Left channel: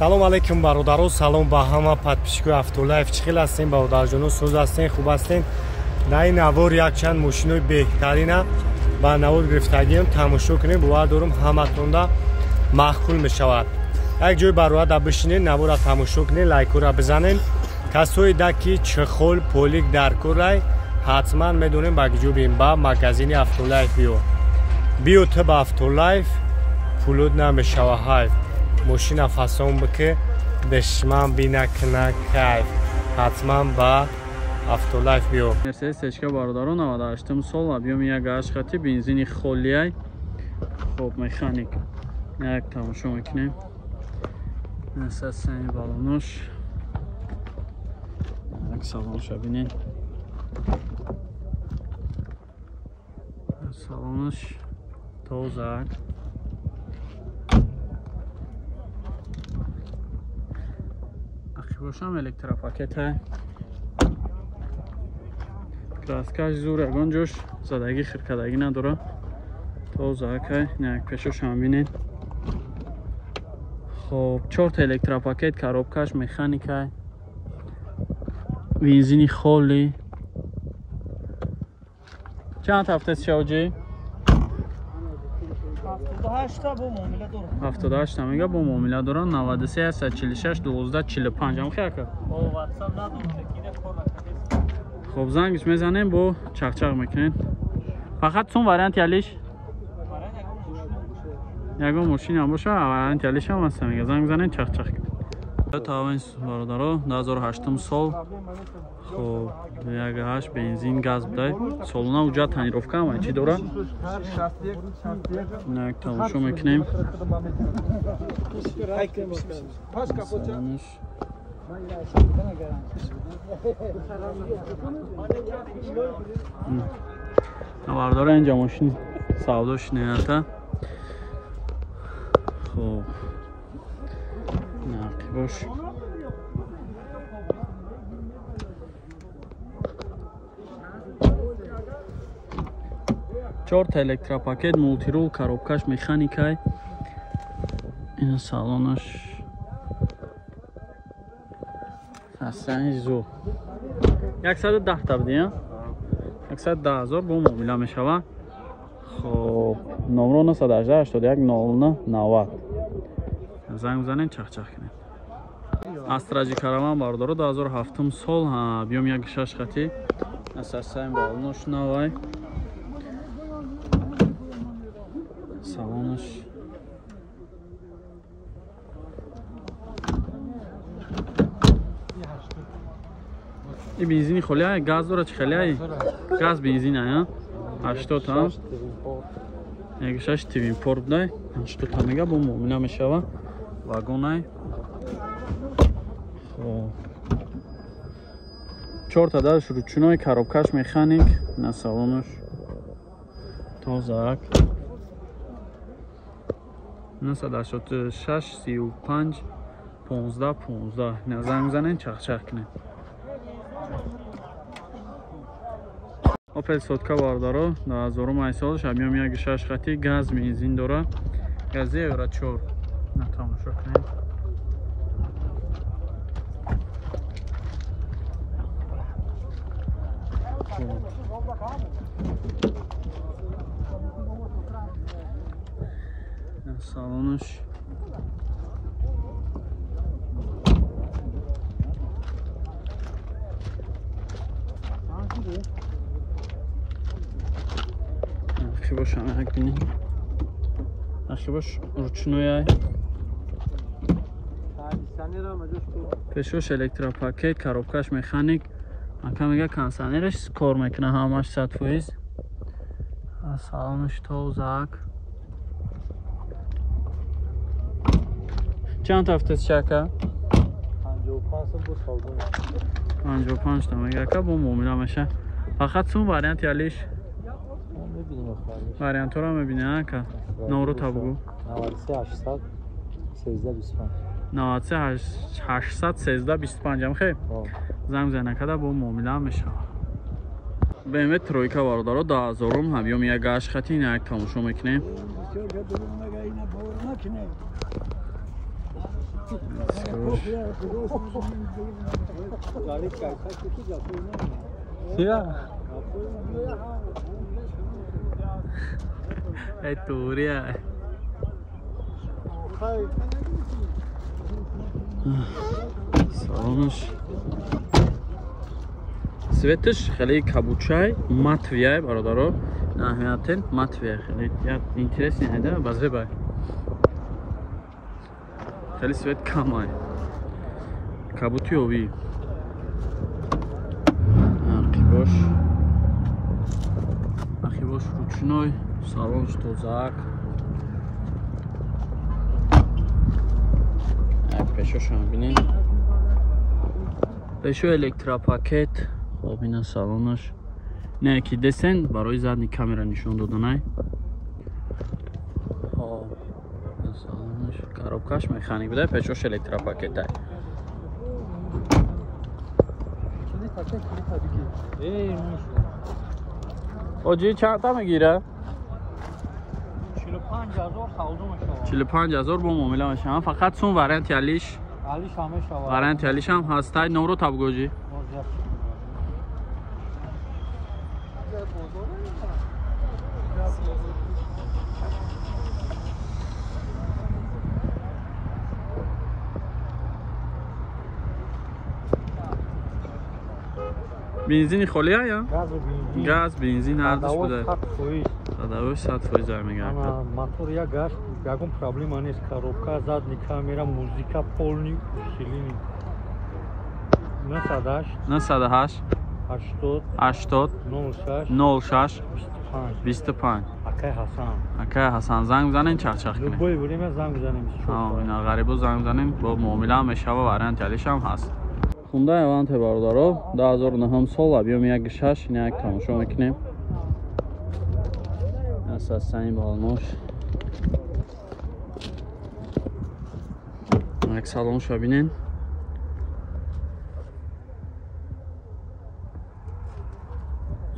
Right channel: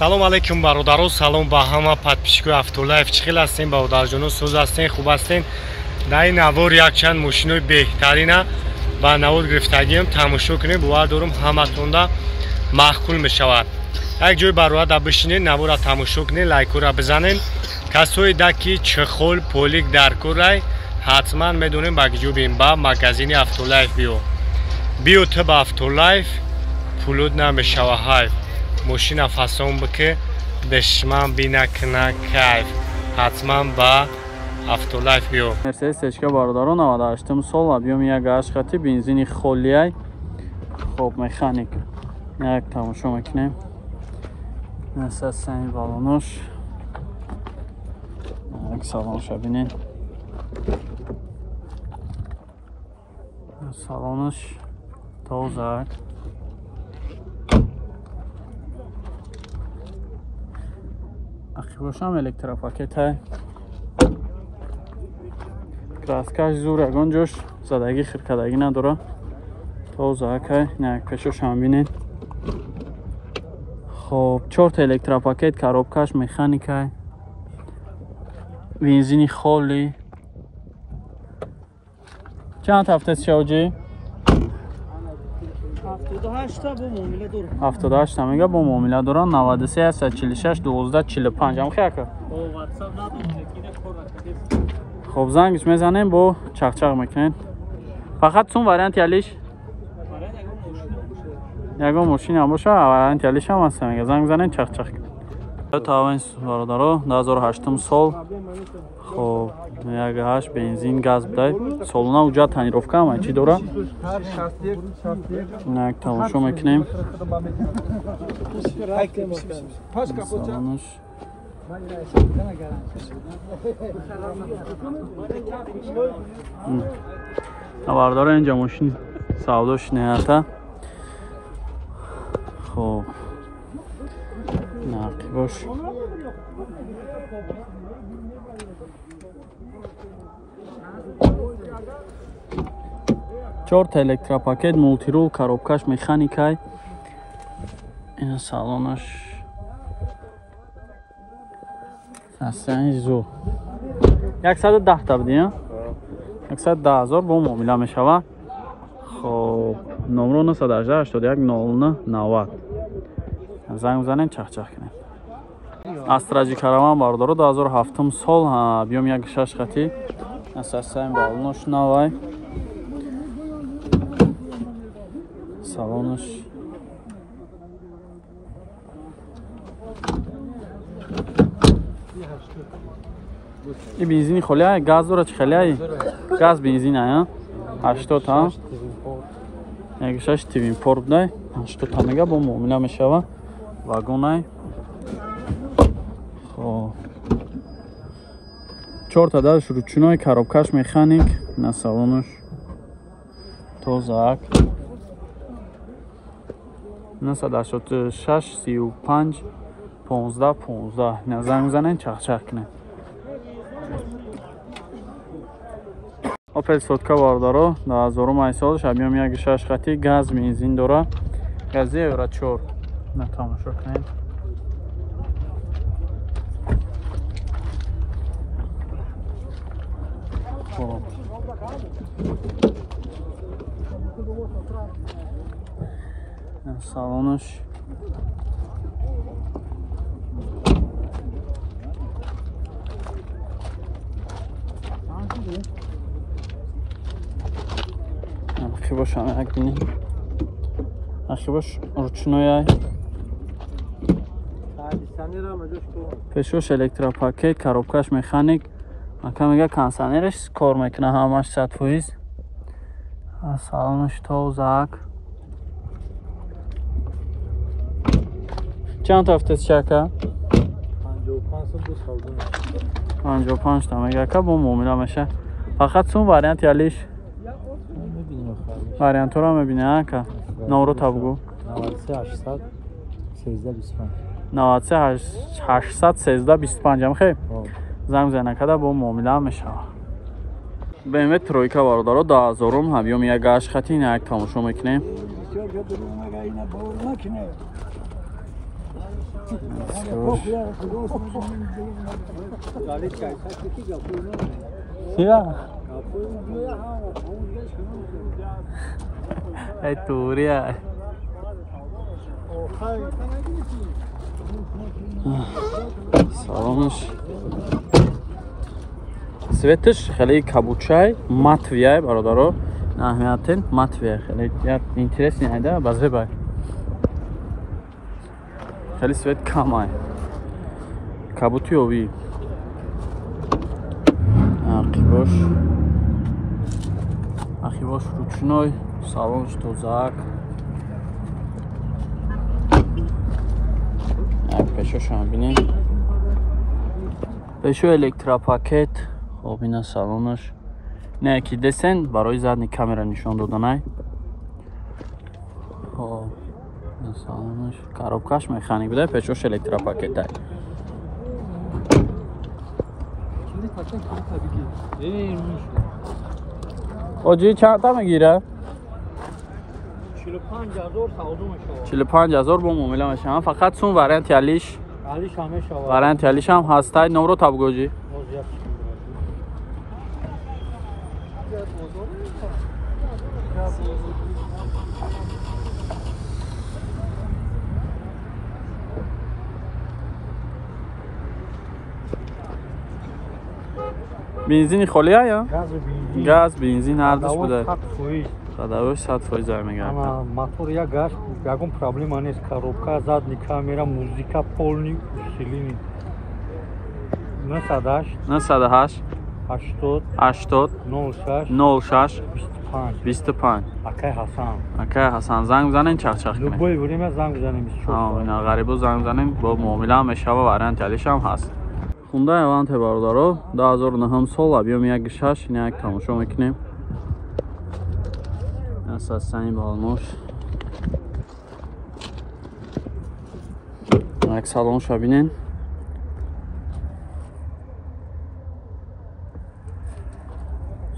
салом алейкум бародаро, салом ба ҳама подписчикои Автолайф. Чӣ хел ҳастен бародарҷоно? Сӯз ҳастен, хуб ҳастен? Дар ин навор якчанд мошинои беҳтарина ба навод гирифтагиам тамошо кунем. бовар дорам ҳаматонда маъқул мешавад. як ҷои барояда бишинед, навора тамошо кунед, лайкора бизанед. касое да ки чихол полик дар кӯрай ҳатман медонем ба киҷо бим ба магазини Автолайф биё ту ба Автолайф пулуд намешава ҳайф. ماشین فسان بکه دشمن بینه کنه کیف حتما با افتولایف بیو. مرسدس اشکا باردارو 98 سال بیام یک عشقتی بنزینی خالیه. خب مکانیک یک تماشا میکنیم. مرسدس سنگ بالونش یک سالانش ببینین. سالانش تازه باشم الکتروپاکت های کراسکاش زور اگان جوش زدگی خرکدگی نداره توزه های نه کشوش هم بینید. خب 4 تا الکتروپاکت کاروبکاش مکانیک های بنزینی خالی. چند هفته شوجی 78 تا میگه با معامله دارن. 93 146 12 45 هم خیلی که خب زنگش میزنیم با چخچق میکنین. فقط سون وریانت یالیش یگو ماشین هم باشه وریانت یالیش هم هست. میگه زنگ بزنین چخچق تا این برادرها 2008 سال. خب یک هاش بنزین گاز بده سالونه اوجا تنیروفکا ما چی دوره نه تماشا میکنیم. سالونش نوارداره اینجا ماشین سوداش نیاته. خب نقی باش. چهار تا الکتروپاکت مولتی رول کاروبکاش مکانیکای. این سالانش اصلا زو 110 تا بدیم 110,000 با معامله میشوه. خب نمره 918 81 09 90 زنگ بزنین چخچخ کنین. استراجی کاروان باردارو 2007 سال بیام یک 6 خطی اساسا این بالونش نوای سالانش این بنزینی خالیه گاز داره چه خالیه گاز بنزین ها 80 تا یک 6 تیم پورت نه 80 تا میگه با معامله میشوه واگن. خب 4 تا درش روچنای کاروبکاش مکانیک نه سالانش تازه 986 35 15 15 نه زنگ بزنین چخچخ کنین. اوپل سوتکا باردارو 2000 سالش بیام یک 6 خطی گاز بنزین داره. گازی اورا 4 نه تماشا کنین. خب سالانش اخی باش همه یک بینیم. اخی باش روچنوی پشوش الکتروپاکت کاروبکاش مکانیک مکه میگه کانسانرش کار میکنه همش 100%. سالانش تازه چند هفته چکه 55 تا میگه که با معامله میشه. فقط سون وریانت یالیش وریانت رو میبینه که نورو تابگو 93 813 25 هم خیلی زنگ زنه کده با معامله میشه. BMW ترویکا باردارو 2000 هم بیام یک گاش خطی نه یک تماشا میکنیم. ای توریه салонаш светаш хеле кабучай матвия бародаро аҳамиятин матвия хеле як интересный айда базеба хеле свет камай кабутиови ақибош ручной салонш тозак як пешошам бинем пешо электропакет хоб ина салонаш не ки десен барои задни камера нишон доданай хоб ина салонаш коробкаш механик буда пешош электропакетай оҷи чанда мегира 45000 бо муомила мешавам фақат сум варианти алиш варианти алишам ҳастай номро табгоҷи бензини холия газ бензин ҳардуш буда садавош 100% зай мегардад мотор як газ ягон проблема нест коробка задни камера музика полни усилини 98 80 06 25 акай ҳасан занг бизанен чахчах кунем ина ғарибу занг бизанен бо муомила мешава варианти алишам ҳаст хундай аванте бародаро 2009 сол объем 1.6 ина як тамошо мекунем састани балнош як салоншо бинен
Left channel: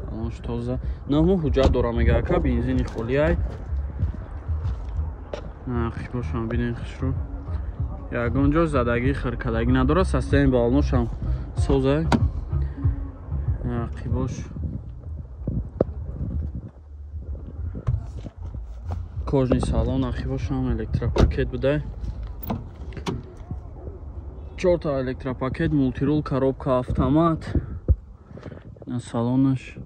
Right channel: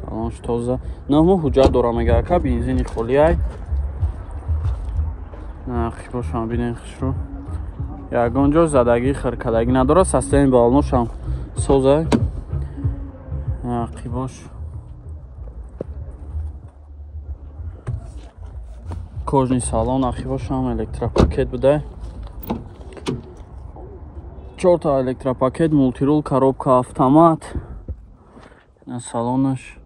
салонш тоза наҳмо ҳуҷҷат дора мегака бензини холияй хибошам бинен хишро ягон ҷо задагӣ хиркадагӣ надорад састани балношам созай қибош кожни салон ахибошам электропакет будай 4 та электропакет мултирул коробка автомат салонаш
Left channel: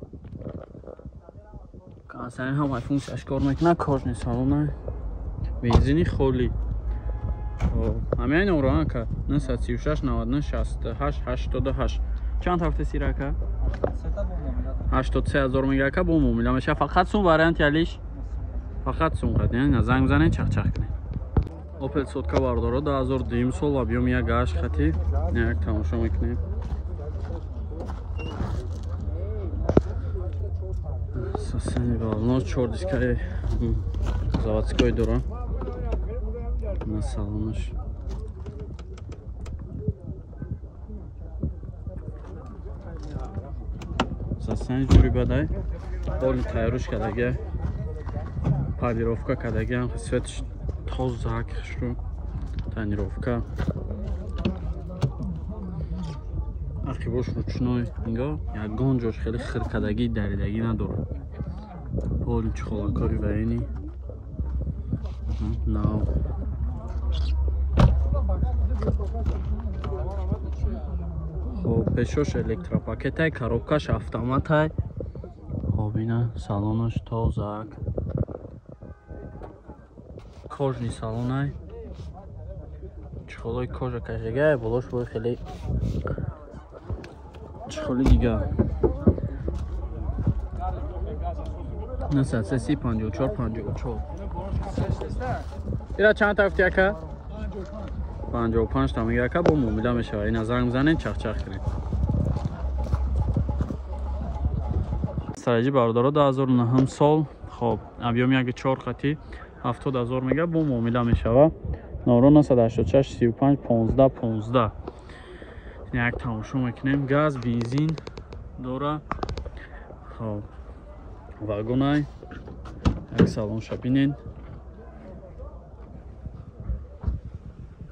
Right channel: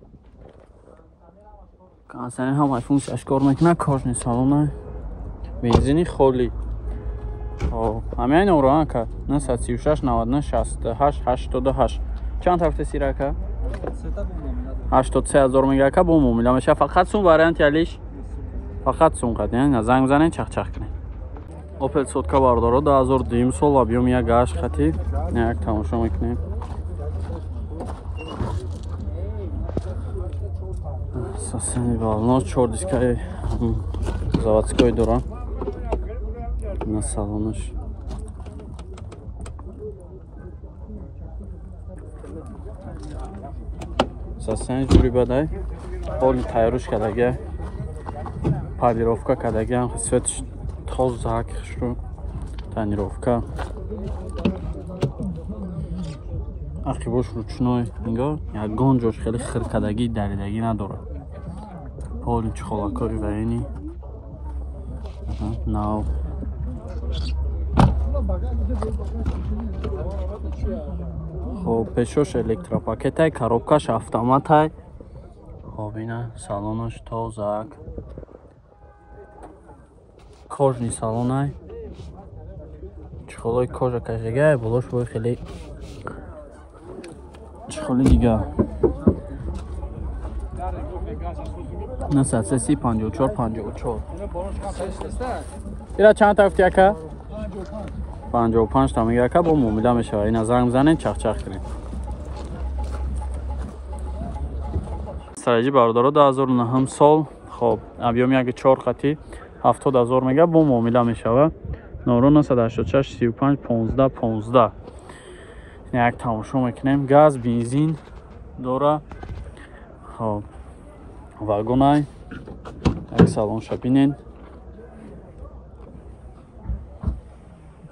канасани ҳамаи функсияш кор мекунад кожни салонай бензини холӣ ҳамаи номро ака 936 99 68 88 чанд ҳафта сирака 83000 мегака бо муомила меша фақат сум варианти алиш фақат сум қад яъни занг бизанен чахчах кунем опел сотка бардоро 2002 сол объем 1.8 хати як тамошо мекунем сасани балнос 4 дискаи заводской дора на салонаш сасани ҷури бадай ҳоли тайёриш кадаги пардировка кадаги ҳам светиш тозак хишру тонировка ақибош ручной инго ягон ҷош хеле хиркадагӣ даридагӣ надорад ҳоли чихолакори ваини нав хоб пешош электропакетай коробкаш автоматай хоб ина салонош тозак кожни салонай чихолои кожа кашагай болош бо хеле чихоли дига насад 54 ира чанд тафтияка 55 та мегака бо муомила мешава ина занг бизанен чахчах кунем сараҷи бародаро 2009 сол хоб объем 1.4 хати 70000 мега бо муомила мешава номро 986 35 15 15 як тамошо мекунем газ бензин дора хоб вагонай як салонша бинен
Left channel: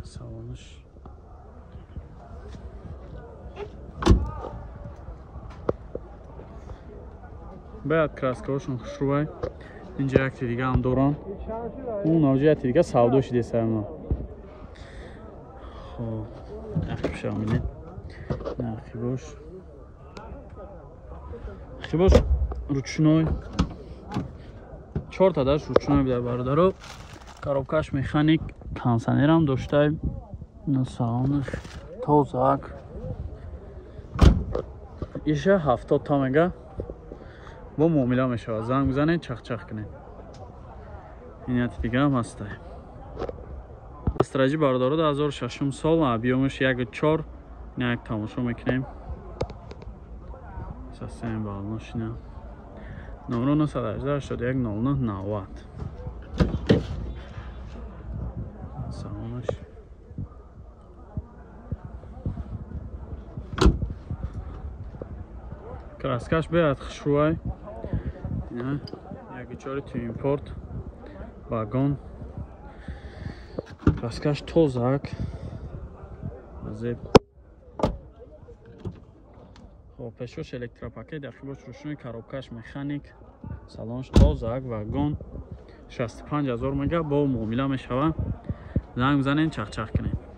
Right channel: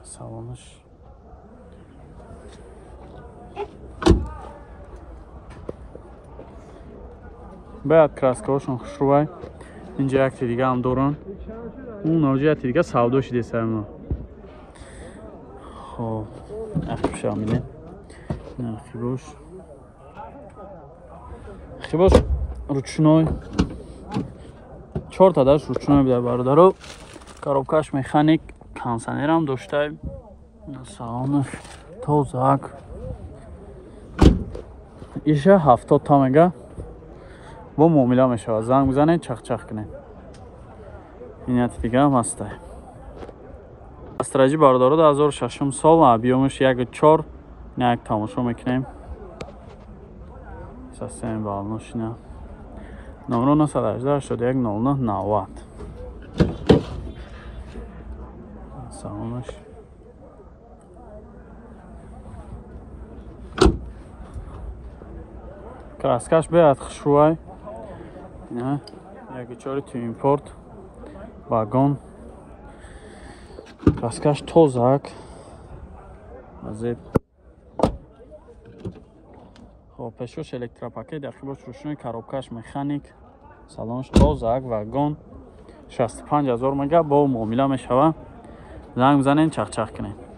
салон салонаш баъд краскаҳошон хушрӯбай. Инҷа якчи дига ҳам доранд. Он ноҷияти дига савдо шиде сармо. Хоб ахшам бинед. Хибош. Хибош ручной. 4 та даш ручной бида бародаро. Коробкаш механик, кондиционерам доштаем. На салонаш тозак. Иша 70 та мега. Бо муомила мешавад. Занг бизанед, чах-чах кунед. Инияти дига ҳам ҳастай. Астраҷи бародаро 2006 сол, объёмаш 1.4. Ина як тамошо мекунем. Састем балношина. Номро 918 81 09 90. Салонаш. Краскаш беяд хушрӯбай. Ина 1.4 ту импорт. Вагон. Краскаш тозак. Азеб. Хоб пешош электропакет, дахибош рушной, коробкаш механик. Салонш тозак, вагон. 65000 мега бо муомила мешава. Занг бизанед, чах-чах кунед.